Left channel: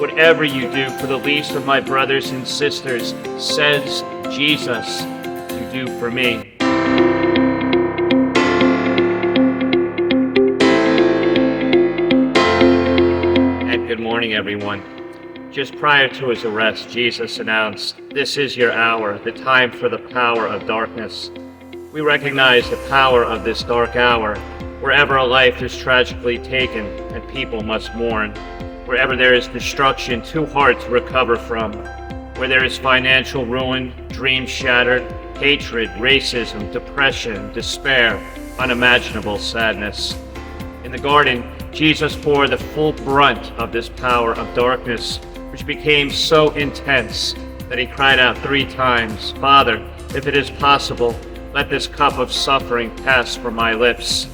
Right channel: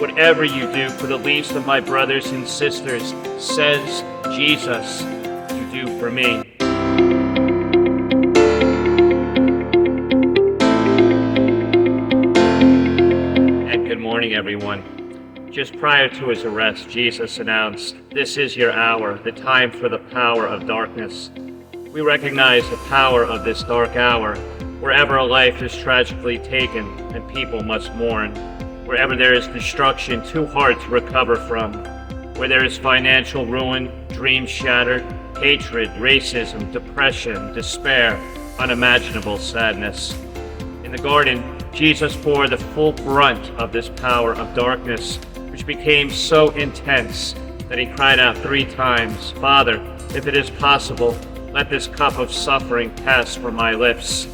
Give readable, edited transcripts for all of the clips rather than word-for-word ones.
Whatever you do for the least of my brothers and sisters, says Jesus, you do for me. And good morning, everyone. Just prior to his arrest, Jesus announced, "This is your hour, the time for the power of darkness." We recognize the power of this dark hour, wherever a life is tragically taken and people must mourn, wherever there is destruction too hard to recover from, where there is financial ruin, dreams shattered, hatred, racism, depression, despair, unimaginable sadness. In the garden, Jesus bore the full brunt of this power of darkness, which became so intense that he cried out 3 times, "Father, if it is possible, let this cup of suffering pass from my lips."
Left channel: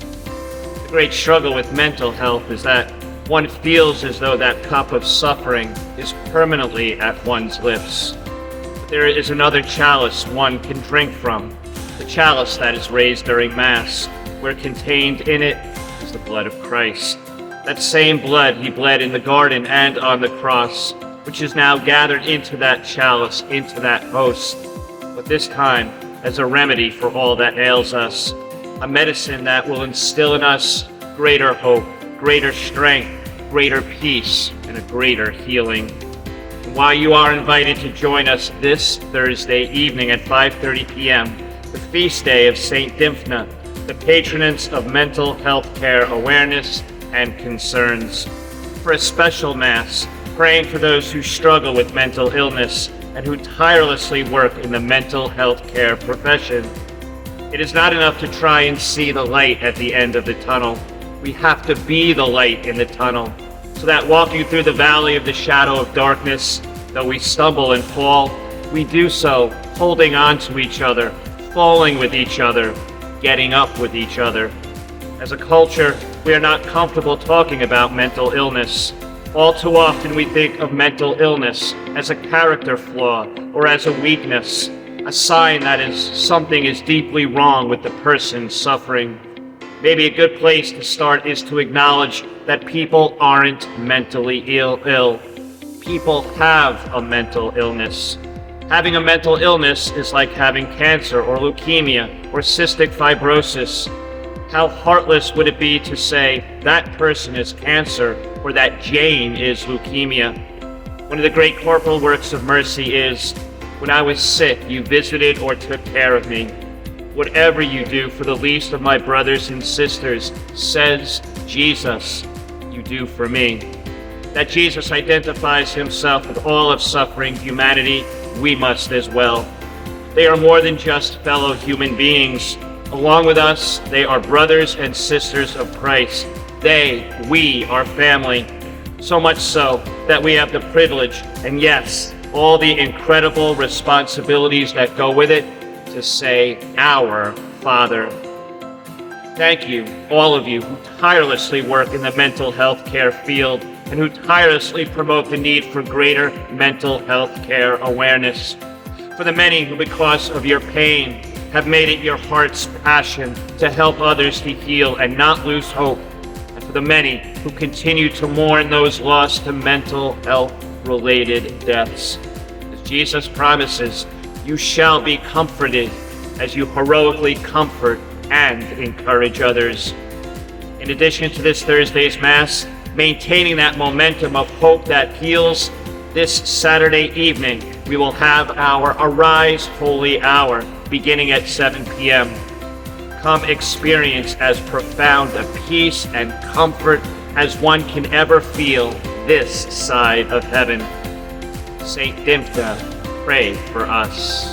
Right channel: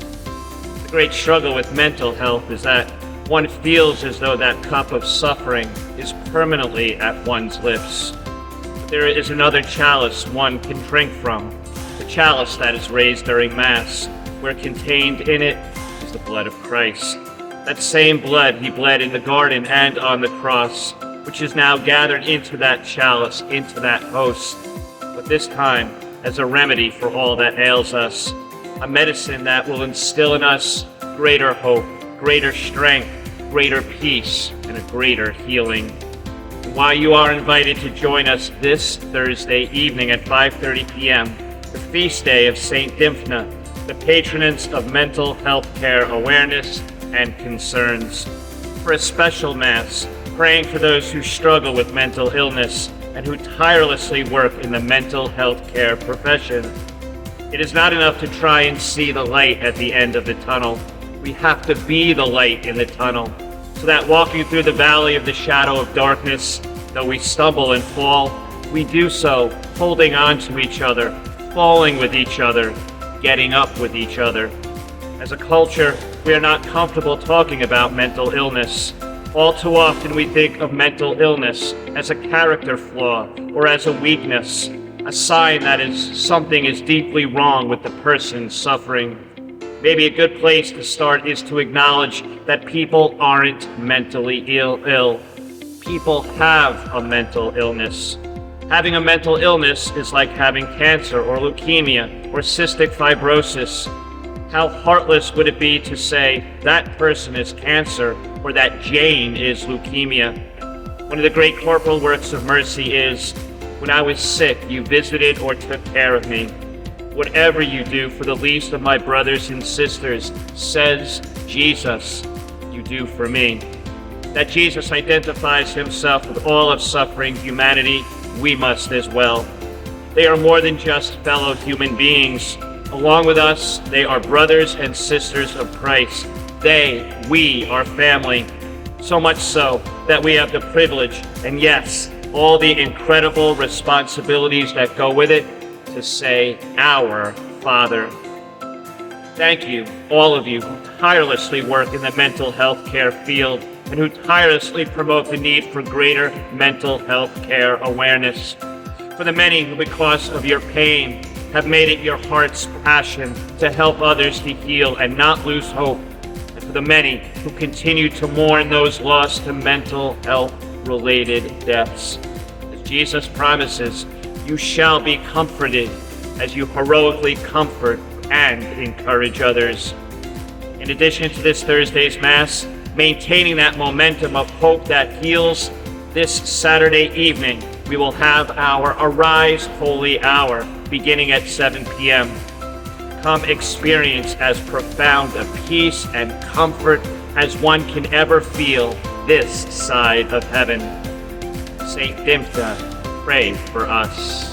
The great struggle with mental health is that one feels as though that cup of suffering is permanently at one's lips. But there is another chalice one can drink from, the chalice that is raised during Mass, where contained in it is the blood of Christ. That same blood he bled in the garden and on the cross, which is now gathered into that chalice, into that host, but this time as a remedy for all that ails us, a medicine that will instill in us greater hope, greater strength, greater peace, and a greater healing. And while you are invited to join us this Thursday evening at 5:30 p.m., the feast day of Saint Dymphna, the patroness of mental health care awareness and concerns, for a special Mass, praying for those who struggle with mental illness and who tirelessly work in the mental health care profession. It is not enough to try and see the light at the end of the tunnel. We have to be the light in the tunnel, so that walking through the valley of the shadow of darkness, though we stumble and fall, we do so holding on to each other, falling with each other, getting up with each other. As a culture, we are not comfortable talking about mental illness. All too often we think of mental illness as a character flaw or as a weakness, a sign that something is deeply wrong with the person suffering. Maybe a good place to start is to acknowledge that people aren't mentally ill. People have a mental illness. Having a mental illness is like having cancer or leukemia or cystic fibrosis. How heartless would it be to say that person is cancer or that Jane is leukemia? One of the great corporal works of mercy is, "When I was sick, you visited or took care of me." Whatever you do for the least of my brothers and sisters, says Jesus, you do for me. That Jesus identifies himself with all of suffering humanity, we must as well. They are more than just fellow human beings. Along with us, they are brothers and sisters of Christ. We are family. So much so that we have the privilege, and yes, all the incredible responsibilities that go with it, to say, "Our Father." Thank you, all of you who tirelessly work in the mental health care field and who tirelessly promote the need for greater mental health care awareness. For the many who, because of your pain, have made it your heart's passion to help others to heal and not lose hope. And for the many who continue to mourn those lost to mental health-related deaths. As Jesus promises, you shall be comforted as you heroically comfort and encourage others. In addition to this Thursday's Mass, maintaining that momentum of hope that heals, this Saturday evening, we will have our Arise Holy Hour beginning at 7 p.m. Come experience as profound a peace and comfort as one can ever feel this side of heaven. Saint Dymphna, pray for us.